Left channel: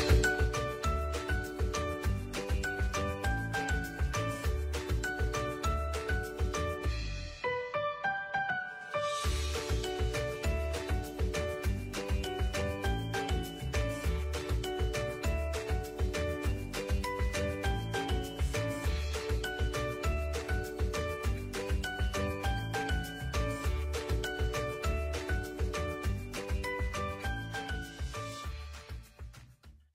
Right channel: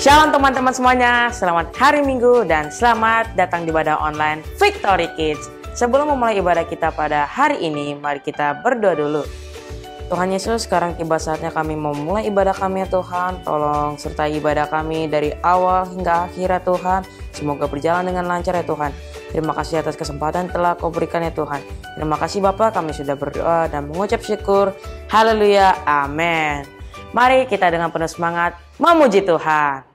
Shalom teman-teman semuanya, selamat hari Minggu dan selamat datang di ibadah online Victory Kids. Sebelum memulai ibadah kita pada hari ini, mari kita berdoa dulu. Tuhan Yesus, sekarang tiba saatnya kami memulai ibadah kami ya Tuhan. Tolong sertai ibadah kami dari awal hingga akhir ya Tuhan. Semoga berjalan dengan lancar ya Tuhan. Terima kasih atas kesempatan telah Kau berikan ya Tuhan. Terima kasih Bapa, kami sudah berdoa dan mengucap syukur. Haleluya, amin. Mari kita dengan penuh semangat memuji Tuhan.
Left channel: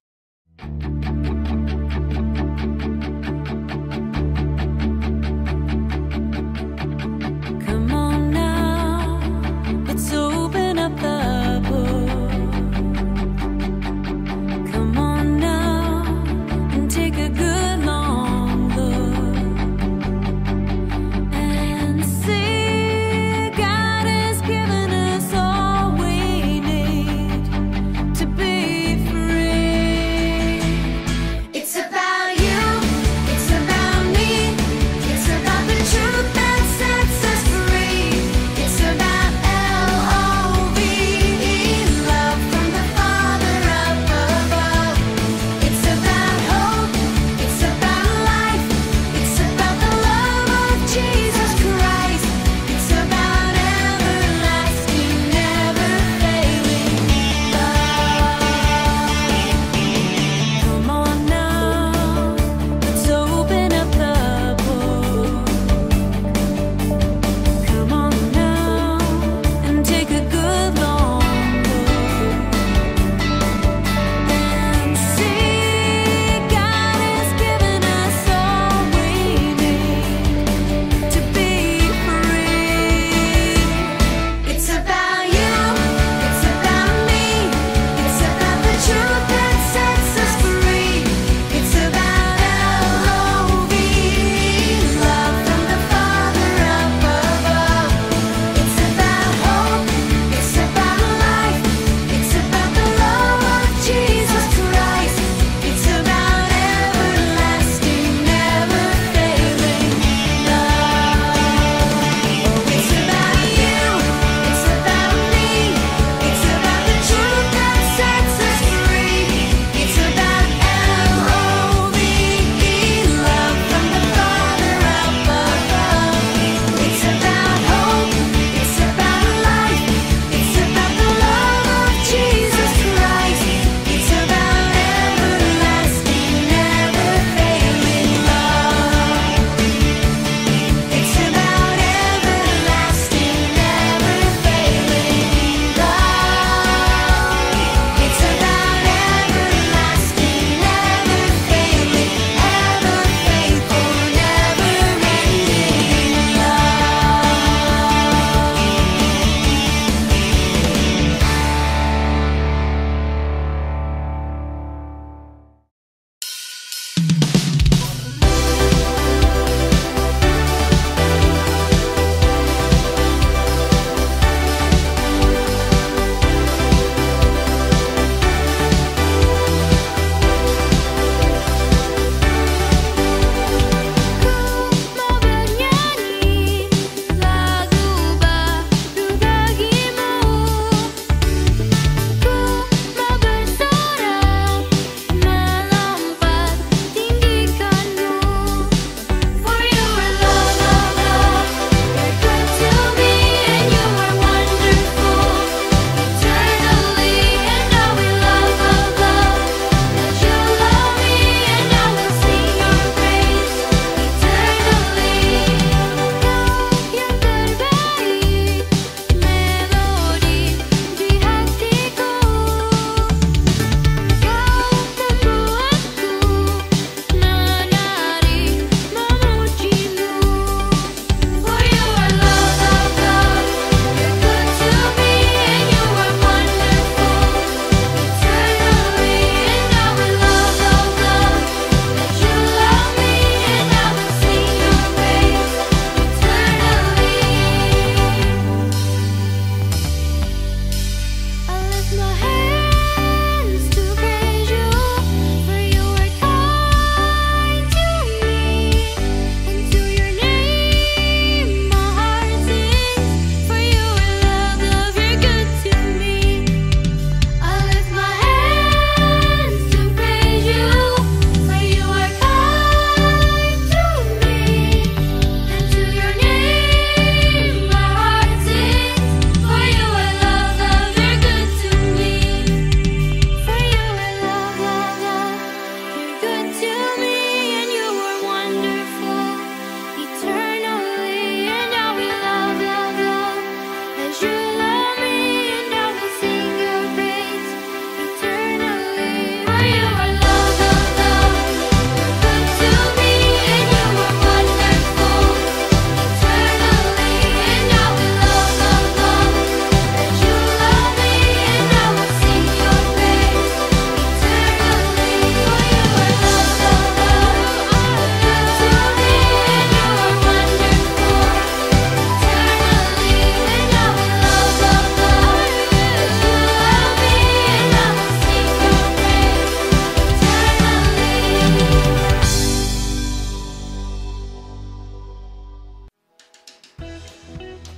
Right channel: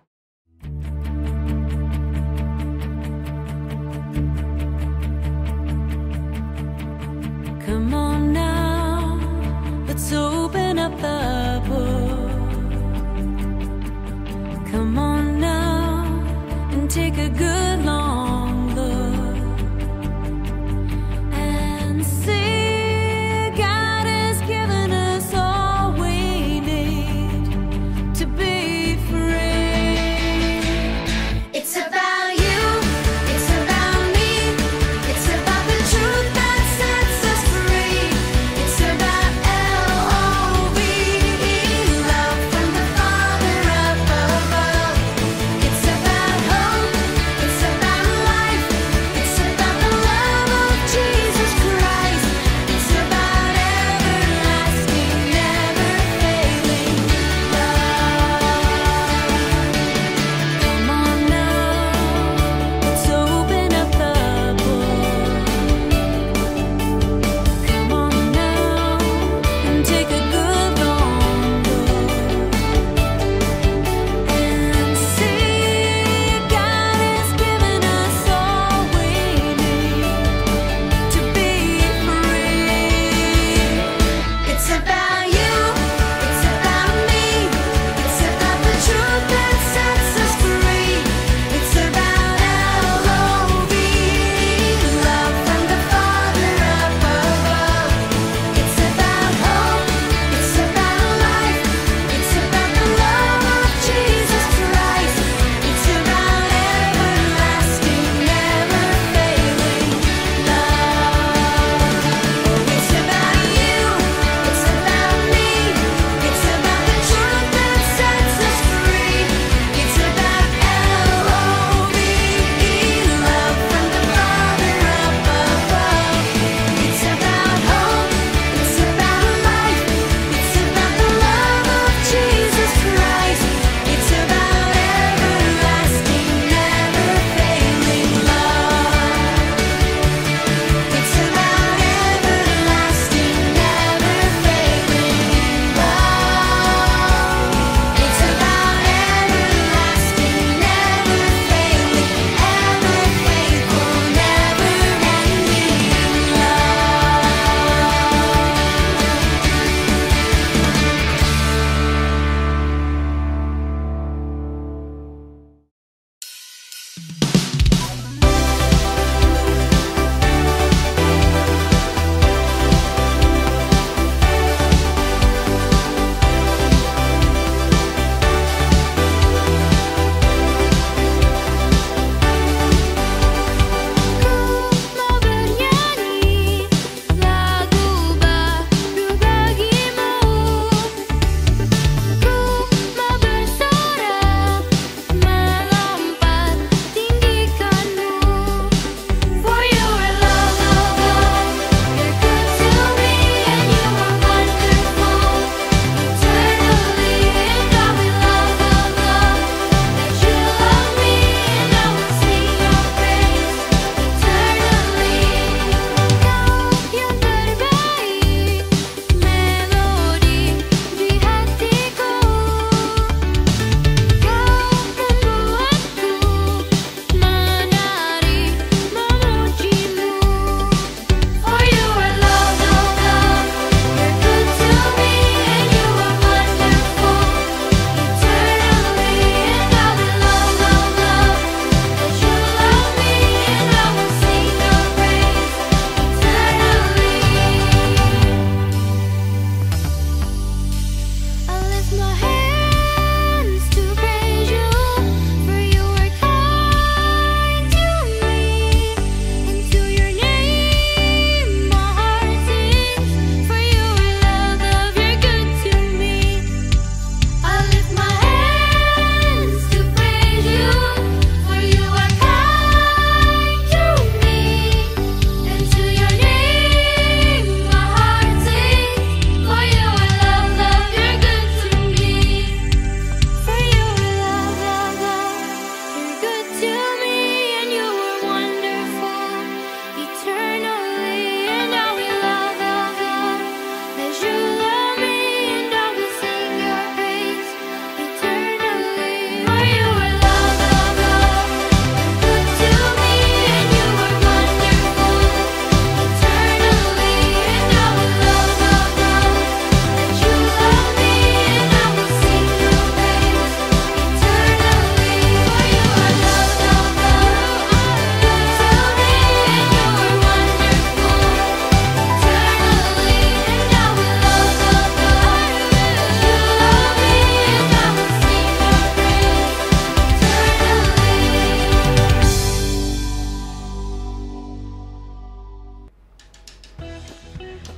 Come on now, let's open up the book. Come on now and take a good long look and see God has given us all we need to be free. It's about you, it's about me, it's about the truth that sets us free. It's about L-O-V-E, love from the Father up above. It's about hope, it's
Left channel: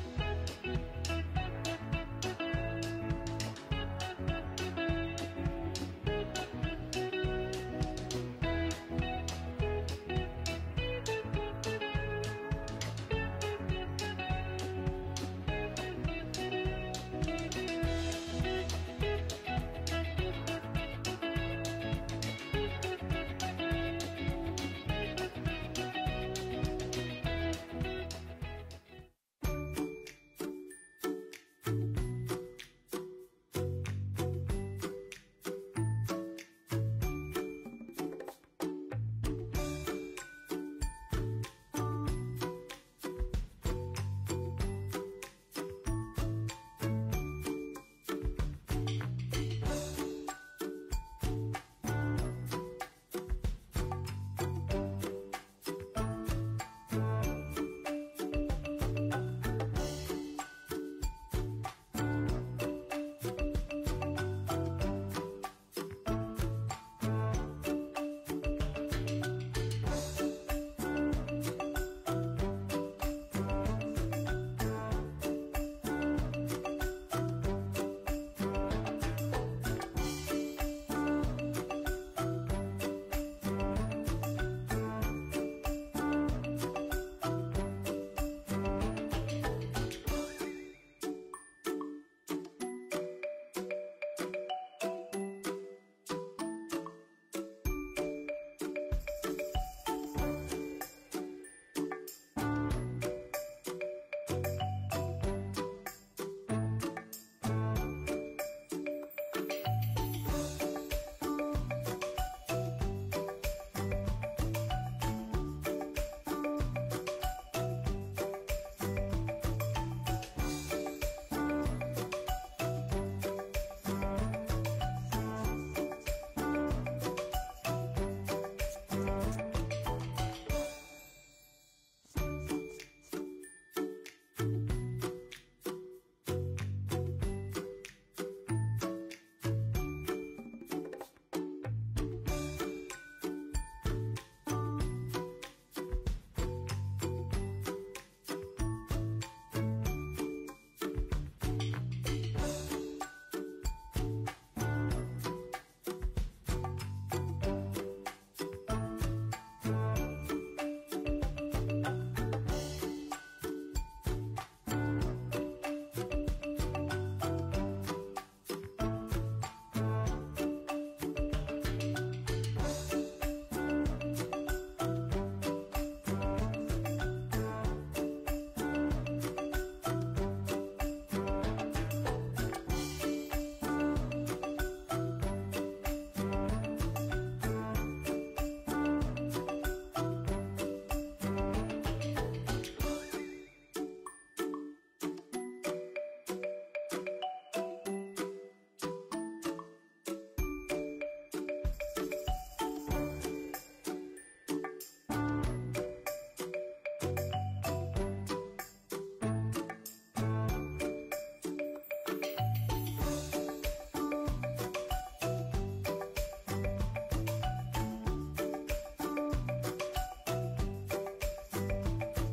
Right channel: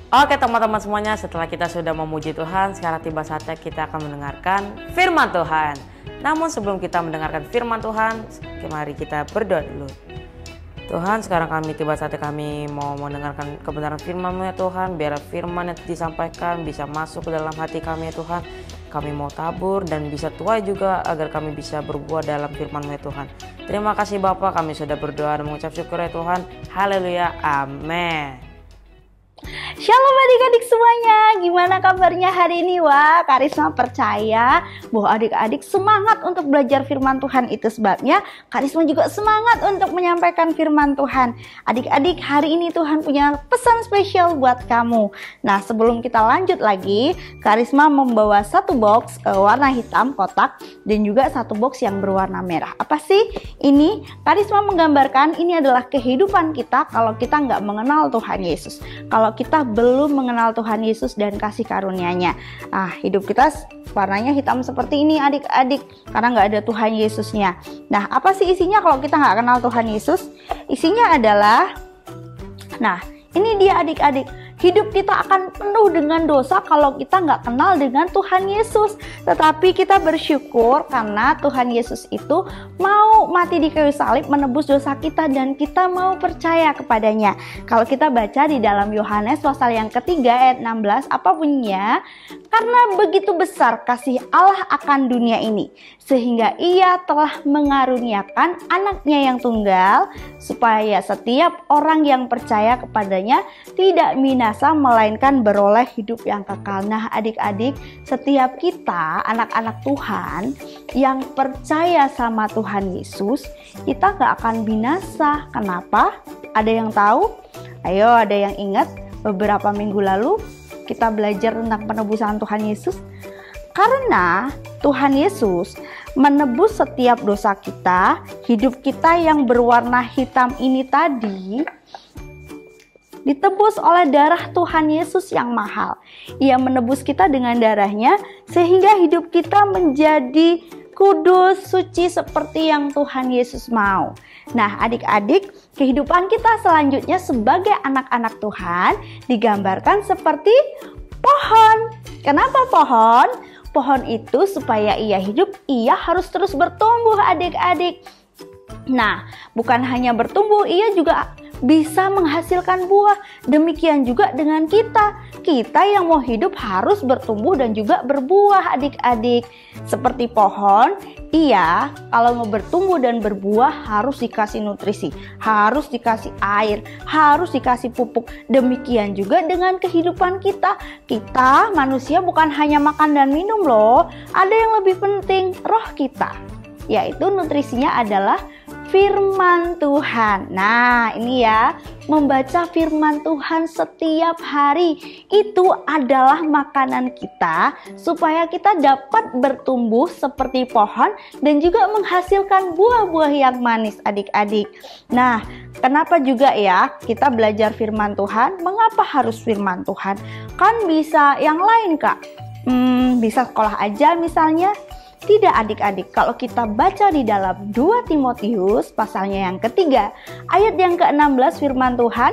Oke teman-teman semuanya, setelah kita sudah memuji Tuhan, sekarang tiba saatnya kita akan mendengarkan firman Tuhan. Namun sebelum kita mendengarkan firman Tuhan, mari kita berdoa dulu. Tuhan, sekarang tiba saatnya kami mau mendengarkan kebenaran firman-Mu ya Tuhan. Biar firman yang disampaikan bisa masuk ke dalam hati kami ya Tuhan. Kami mau tabur dan bisa tuai juga agar kami bisa berbuah dalam firman-Mu ya Tuhan. Terima kasih Bapa, kami sudah berdoa dan mengucap syukur ya Tuhan. Haleluya, amin. Shalom adik-adik semuanya, gimana kabarnya hari ini? Wah, Karisma percaya bahwa adik-adik semangat untuk belajar firman Tuhan. Itu sebabnya Karisma juga semangat untuk menyampaikan firman Tuhan. Adik-adik, hari ini Tuhan punya pesan spesial buat kamu. Nah, sebelum kita lanjut lagi, Karisma membawa satu box warna hitam kotak dan juga satu box yang berwarna merah. Apa sih ini? Karisma menggambarkan ini adalah kehidupan kita kalau kita nggak mengenal Tuhan Yesus. Kalau kita belum mengenal Tuhan Yesus dan kasih karunia-Nya. Nah, hidup kita warnanya hitam seperti ini adik-adik, karena nggak ada Tuhan Yesusnya. Nah, apa sih isinya kalau kita nggak kenal Tuhan Yesus? Isinya adalah, nah ini dia adik-adik, hidup kita akan penuh dengan dosa kalau kita nggak kenal dengan Tuhan Yesus. Tetapi kita bersyukur karena Tuhan Yesus itu mau mati di kayu salib menebus dosa kita dan kita mau percaya kepadanya. Kalau kita baca di dalam Yohanes pasal yang ketiga ayat 16, apa bunyinya? Karena begitu besar kasih Allah akan dunia ini, sehingga Ia telah mengaruniakan anaknya yang tunggal, supaya setiap orang yang percaya kepadanya tidak binasa melainkan beroleh hidup yang kekal. Nah adik-adik, setiap kita anak-anak Tuhan yang percaya sama Tuhan Yesus, kita gak akan binasa. Kenapa? Ada yang tahu? Ayo, ada yang ingat beberapa minggu lalu kita belajar tentang penebusan Tuhan Yesus? Karena Tuhan Yesus menebus setiap dosa kita, hidup kita yang berwarna hitam ini tadi ditebus oleh darah Tuhan Yesus yang mahal. Ia menebus kita dengan darahnya sehingga hidup kita menjadi kudus, suci seperti yang Tuhan Yesus mau. Nah adik-adik, kehidupan kita selanjutnya sebagai anak-anak Tuhan digambarkan seperti pohon. Kenapa pohon? Pohon itu supaya ia hidup, ia harus terus bertumbuh adik-adik. Nah, bukan hanya bertumbuh, ia juga bisa menghasilkan buah. Demikian juga dengan kita. Kita yang mau hidup harus bertumbuh dan juga berbuah adik-adik. Seperti pohon, ia kalau mau bertumbuh dan berbuah harus dikasih nutrisi, harus dikasih air, harus dikasih pupuk. Demikian juga dengan kehidupan kita. Kita manusia bukan hanya makan dan minum loh. Ada yang lebih penting, roh kita. Yaitu nutrisinya adalah firman Tuhan. Nah ini ya, membaca firman Tuhan setiap hari itu adalah makanan kita supaya kita dapat bertumbuh seperti pohon dan juga menghasilkan buah-buah yang manis adik-adik. Nah kenapa juga ya kita belajar firman Tuhan? Mengapa harus firman Tuhan? Kan bisa yang lain kak, bisa sekolah aja misalnya. Tidak adik-adik, kalau kita baca di dalam 2 Timotius pasalnya yang ketiga ayat yang ke-16 firman Tuhan,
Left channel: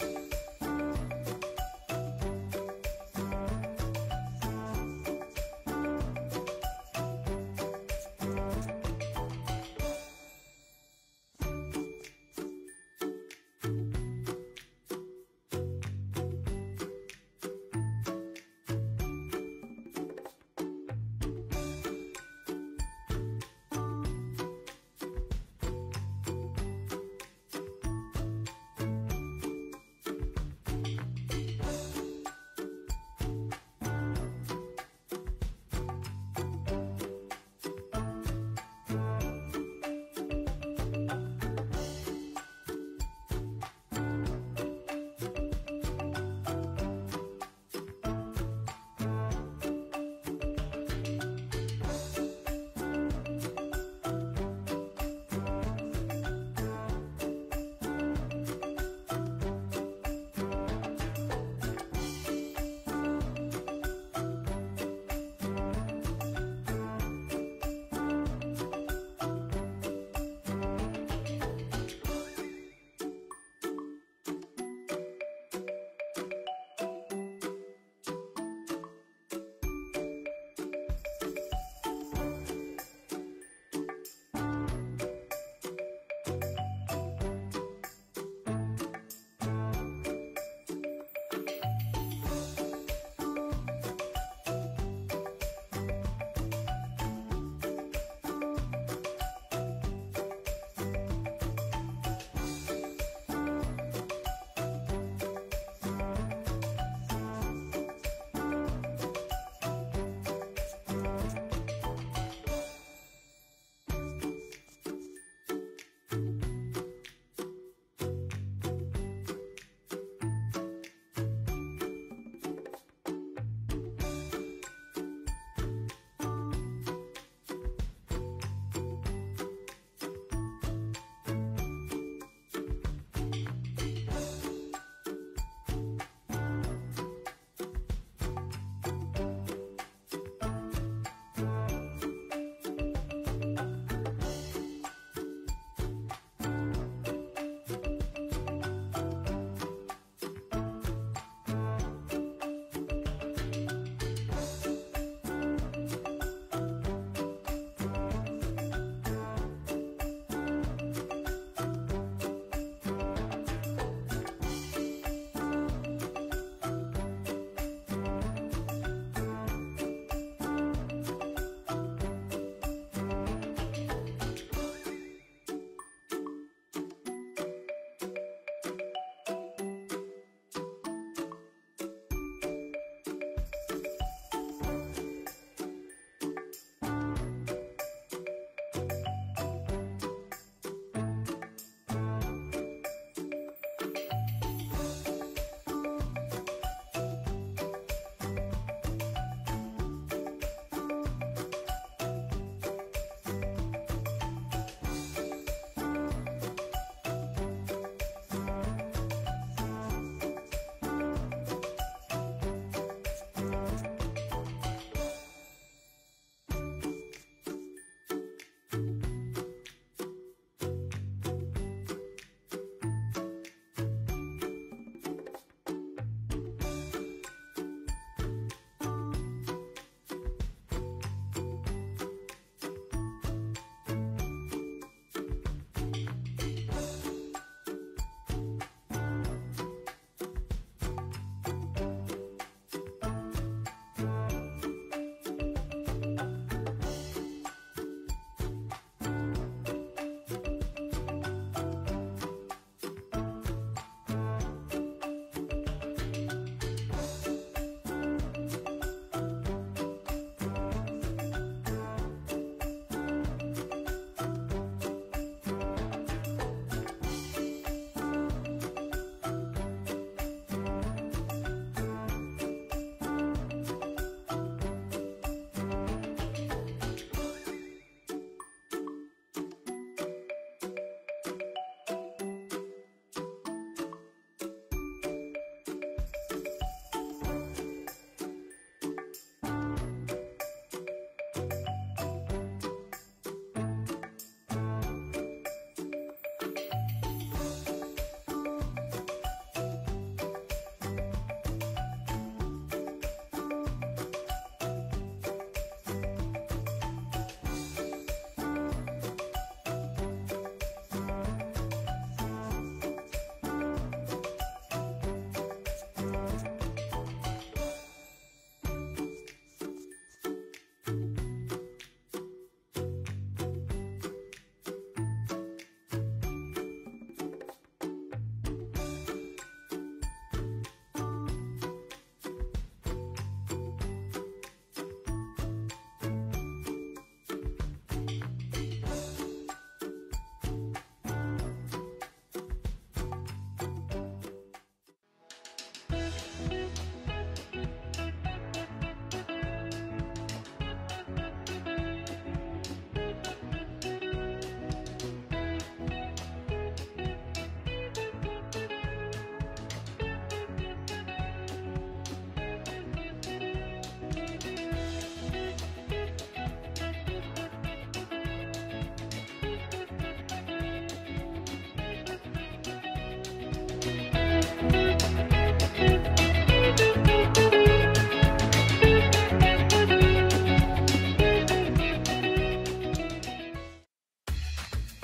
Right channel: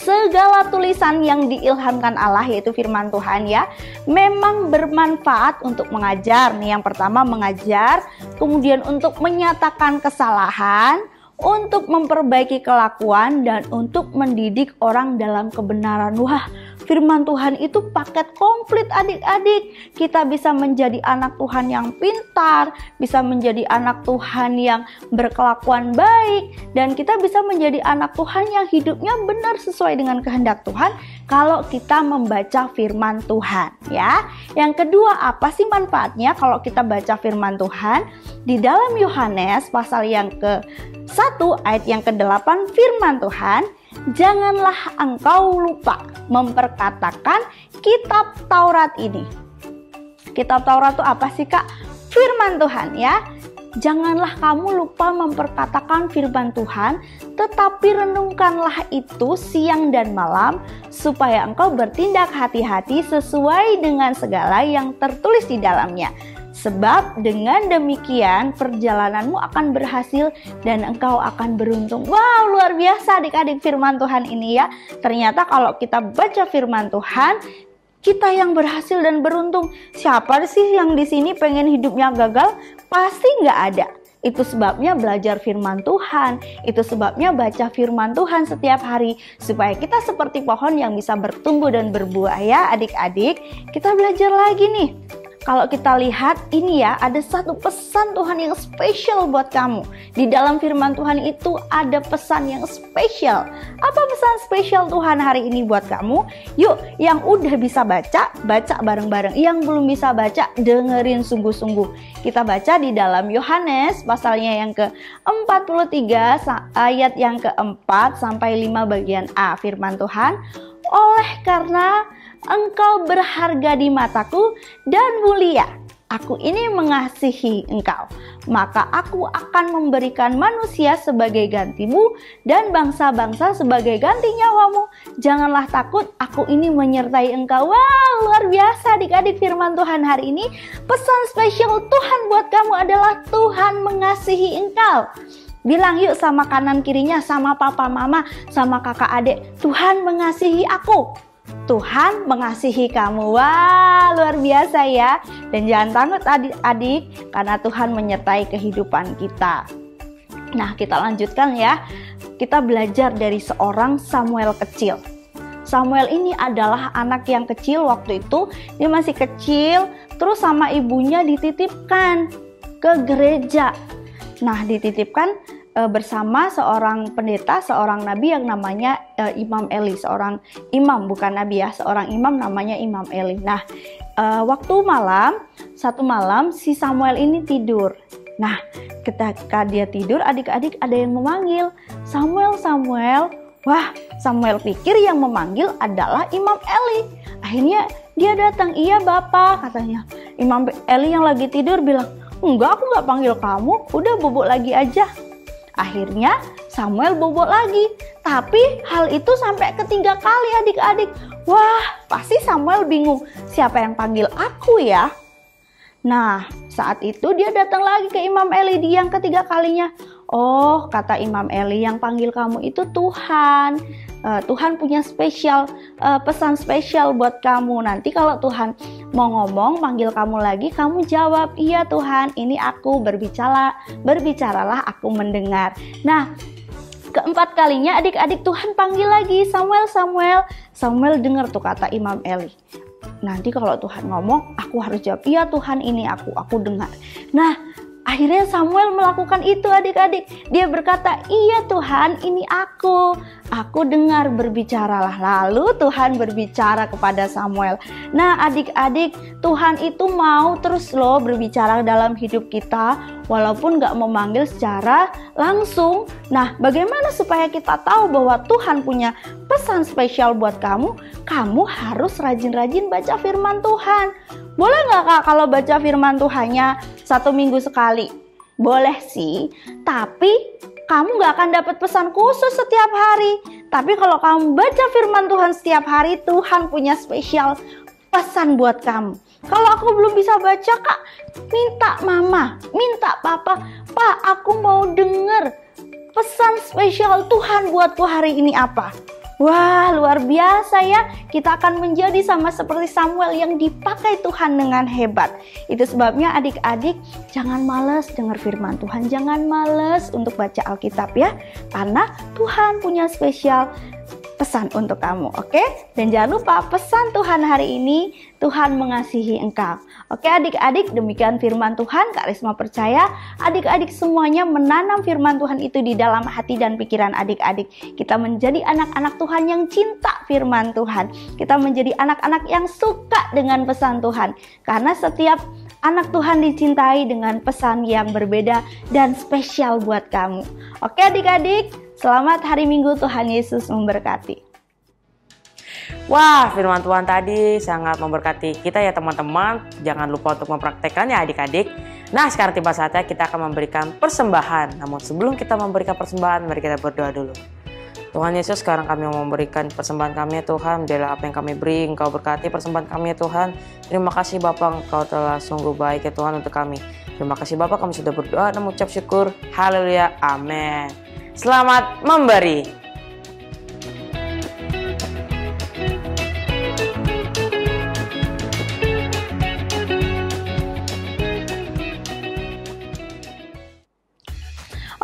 segala tulisan yang diilhamkan Allah yaitu firman Tuhan ya, memang bermanfaat untuk mengajar. Nih yang pertama mengajar, kemudian untuk menyatakan kesalahan, untuk memperbaiki kelakuan, dan untuk mendidik orang dalam kebenaran. Wah, firman Tuhan itu paket komplit adik-adik. Kita bisa menjadi anak Tuhan yang pintar, bisa menjadi anak Tuhan yang berkelakuan baik, dan kita bisa menjadi anak Tuhan yang hidupnya benar sesuai dengan kehendak Tuhan kalau kita membaca firman Tuhan ya. Yang kedua, apa sih manfaatnya kalau kita baca firman Tuhan? Di dalam Yohanes pasal yang ke-1 ayat yang ke-8 firman Tuhan, janganlah engkau lupa memperkatakan kitab Taurat ini. Kitab Taurat itu apa sih kak? Firman Tuhan ya. Janganlah kamu lupa memperkatakan firman Tuhan, tetapi renungkanlah itu siang dan malam, supaya engkau bertindak hati-hati sesuai dengan segala yang tertulis di dalamnya. Sebab dengan demikian perjalananmu akan berhasil dan engkau akan beruntung. Wow, luar biasa adik-adik firman Tuhan ini ya. Ternyata kalau kita baca firman Tuhan, kita yang berhasil dan beruntung. Siapa sih yang di sini pengen hidupnya gagal? Pasti nggak ada. Itu sebabnya belajar firman Tuhan. Itu sebabnya baca firman Tuhan setiap hari. Supaya kita seperti pohon yang bisa bertumbuh dan berbuah ya adik-adik. Kita belajar lagi nih. Kalau kita lihat ini ya, ada satu pesan Tuhan yang spesial buat kamu. Di dalam firman Tuhan itu ada pesan yang spesial. Apa pesan spesial Tuhan hari ini buat kamu? Yuk, yang udah bisa baca, baca bareng-bareng. Yang belum bisa baca, dengerin sungguh-sungguh. Kita baca di dalam Yohanes pasalnya yang ke-43 ayat yang ke-4 sampai 5 bagian A. Firman Tuhan, oleh karena engkau berharga di mataku dan mulia, aku ini mengasihi engkau, maka aku akan memberikan manusia sebagai gantimu dan bangsa-bangsa sebagai ganti nyawamu. Janganlah takut, aku ini menyertai engkau. Wow, luar biasa adik-adik firman Tuhan hari ini. Pesan spesial Tuhan buat kamu adalah Tuhan mengasihi engkau. Bilang yuk sama kanan kirinya, sama papa mama, sama kakak adik, Tuhan mengasihi aku. Tuhan mengasihi kamu. Wah, luar biasa ya. Dan jangan takut adik-adik, karena Tuhan menyertai kehidupan kita. Nah, kita lanjutkan ya. Kita belajar dari seorang Samuel kecil. Samuel ini adalah anak yang kecil waktu itu. Dia masih kecil, terus sama ibunya dititipkan ke gereja. Nah, dititipkan bersama seorang pendeta, seorang nabi yang namanya Imam Eli. Seorang imam, bukan nabi ya, seorang imam namanya Imam Eli. Nah, waktu satu malam si Samuel ini tidur. Nah, ketika dia tidur, adik-adik ada yang memanggil, Samuel, Samuel. Wah, Samuel pikir yang memanggil adalah Imam Eli. Akhirnya dia datang, iya Bapak, katanya. Imam Eli yang lagi tidur bilang, enggak, aku nggak panggil kamu, udah bobok lagi aja. Akhirnya Samuel bobok lagi. Tapi hal itu sampai ketiga kali adik-adik. Wah, pasti Samuel bingung. Siapa yang panggil aku ya? Nah, saat itu dia datang lagi ke Imam Eli di yang ketiga kalinya. Oh, kata Imam Eli, yang panggil kamu itu Tuhan. Tuhan punya pesan spesial buat kamu. Nanti kalau Tuhan mau ngomong, panggil kamu lagi, kamu jawab, iya Tuhan, ini aku, berbicaralah aku mendengar. Nah, keempat kalinya adik-adik Tuhan panggil lagi, Samuel, Samuel. Samuel dengar tuh kata Imam Eli. Nanti kalau Tuhan ngomong, aku harus jawab, iya Tuhan, ini aku dengar. Nah, akhirnya Samuel melakukan itu adik-adik. Dia berkata, iya Tuhan, ini aku dengar, berbicaralah. Lalu Tuhan berbicara kepada Samuel. Nah adik-adik, Tuhan itu mau terus loh berbicara dalam hidup kita, walaupun gak memanggil secara langsung. Nah, bagaimana supaya kita tahu bahwa Tuhan punya pesan spesial buat kamu? Kamu harus rajin-rajin baca firman Tuhan. Boleh gak Kak kalau baca firman Tuhannya 1 minggu sekali? Boleh sih, tapi kamu gak akan dapat pesan khusus setiap hari. Tapi kalau kamu baca firman Tuhan setiap hari, Tuhan punya spesial pesan buat kamu. Kalau aku belum bisa baca Kak, minta mama, minta papa, Pak, aku mau denger pesan spesial Tuhan buatku hari ini apa? Wah, luar biasa ya. Kita akan menjadi sama seperti Samuel yang dipakai Tuhan dengan hebat. Itu sebabnya adik-adik jangan malas dengar firman Tuhan. Jangan malas untuk baca Alkitab ya. Karena Tuhan punya spesial pesan untuk kamu, oke? Dan jangan lupa pesan Tuhan hari ini, Tuhan mengasihi engkau. Oke adik-adik, demikian firman Tuhan. Kak Risma percaya adik-adik semuanya menanam firman Tuhan itu di dalam hati dan pikiran adik-adik. Kita menjadi anak-anak Tuhan yang cinta firman Tuhan. Kita menjadi anak-anak yang suka dengan pesan Tuhan. Karena setiap anak Tuhan dicintai dengan pesan yang berbeda dan spesial buat kamu. Oke adik-adik, selamat hari Minggu, Tuhan Yesus memberkati. Wah, firman Tuhan tadi sangat memberkati kita ya teman-teman. Jangan lupa untuk mempraktekannya adik-adik. Nah, sekarang tiba saatnya kita akan memberikan persembahan. Namun sebelum kita memberikan persembahan, mari kita berdoa dulu. Tuhan Yesus, sekarang kami mau memberikan persembahan kami ya Tuhan. Biarlah apa yang kami beri, Engkau berkati persembahan kami ya Tuhan. Terima kasih Bapa, Engkau telah sungguh baik ya Tuhan untuk kami. Terima kasih Bapa, kami sudah berdoa dan mengucap syukur. Haleluya, amin. Selamat memberi.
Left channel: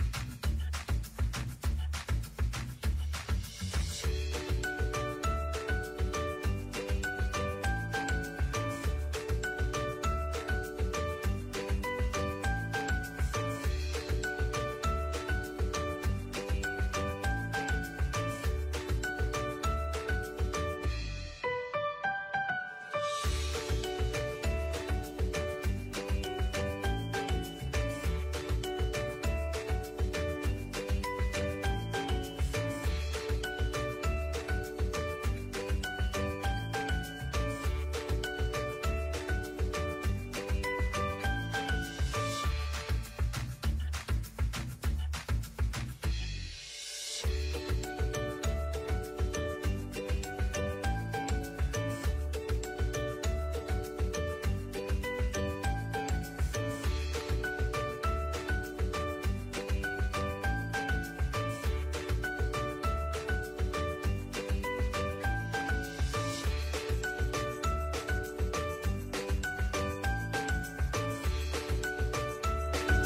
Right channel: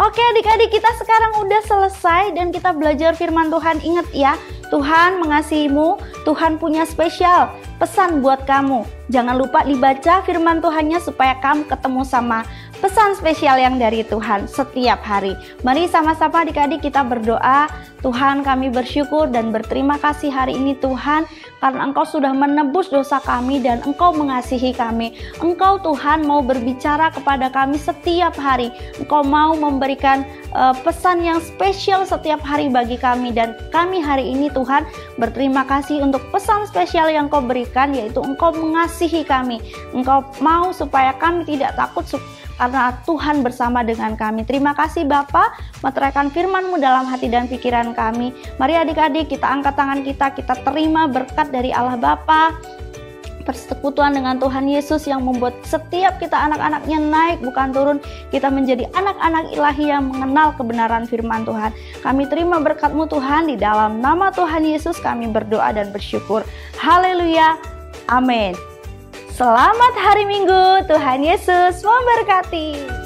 Oke adik-adik, kita sekarang udah selesai dan kita belajar firman Tuhan. Ingat ya, Tuhan mengasihimu, Tuhan punya spesial pesan buat kamu. Jangan lupa dibaca firman Tuhannya supaya kamu ketemu sama pesan spesial yang dari Tuhan setiap hari. Mari sama-sama adik-adik kita berdoa. Tuhan, kami bersyukur dan berterima kasih hari ini Tuhan, karena Engkau sudah menebus dosa kami dan Engkau mengasihi kami. Engkau Tuhan mau berbicara kepada kami setiap hari. Engkau mau memberikan pesan yang spesial setiap hari bagi kami, dan kami hari ini Tuhan berterima kasih untuk pesan spesial yang Engkau berikan, yaitu Engkau mengasihi kami. Engkau mau supaya kami tidak takut karena Tuhan bersama dengan kami. Terima kasih Bapa, meteraikan firman-Mu dalam hati dan pikiran kami. Mari adik-adik kita angkat tangan kita terima berkat dari Allah Bapa, persekutuan dengan Tuhan Yesus yang membuat setiap kita anak-anaknya naik bukan turun. Kita menjadi anak-anak ilahi yang mengenal kebenaran firman Tuhan. Kami terima berkat-Mu Tuhan, di dalam nama Tuhan Yesus kami berdoa dan bersyukur. Haleluya, amin. Selamat hari Minggu, Tuhan Yesus memberkati.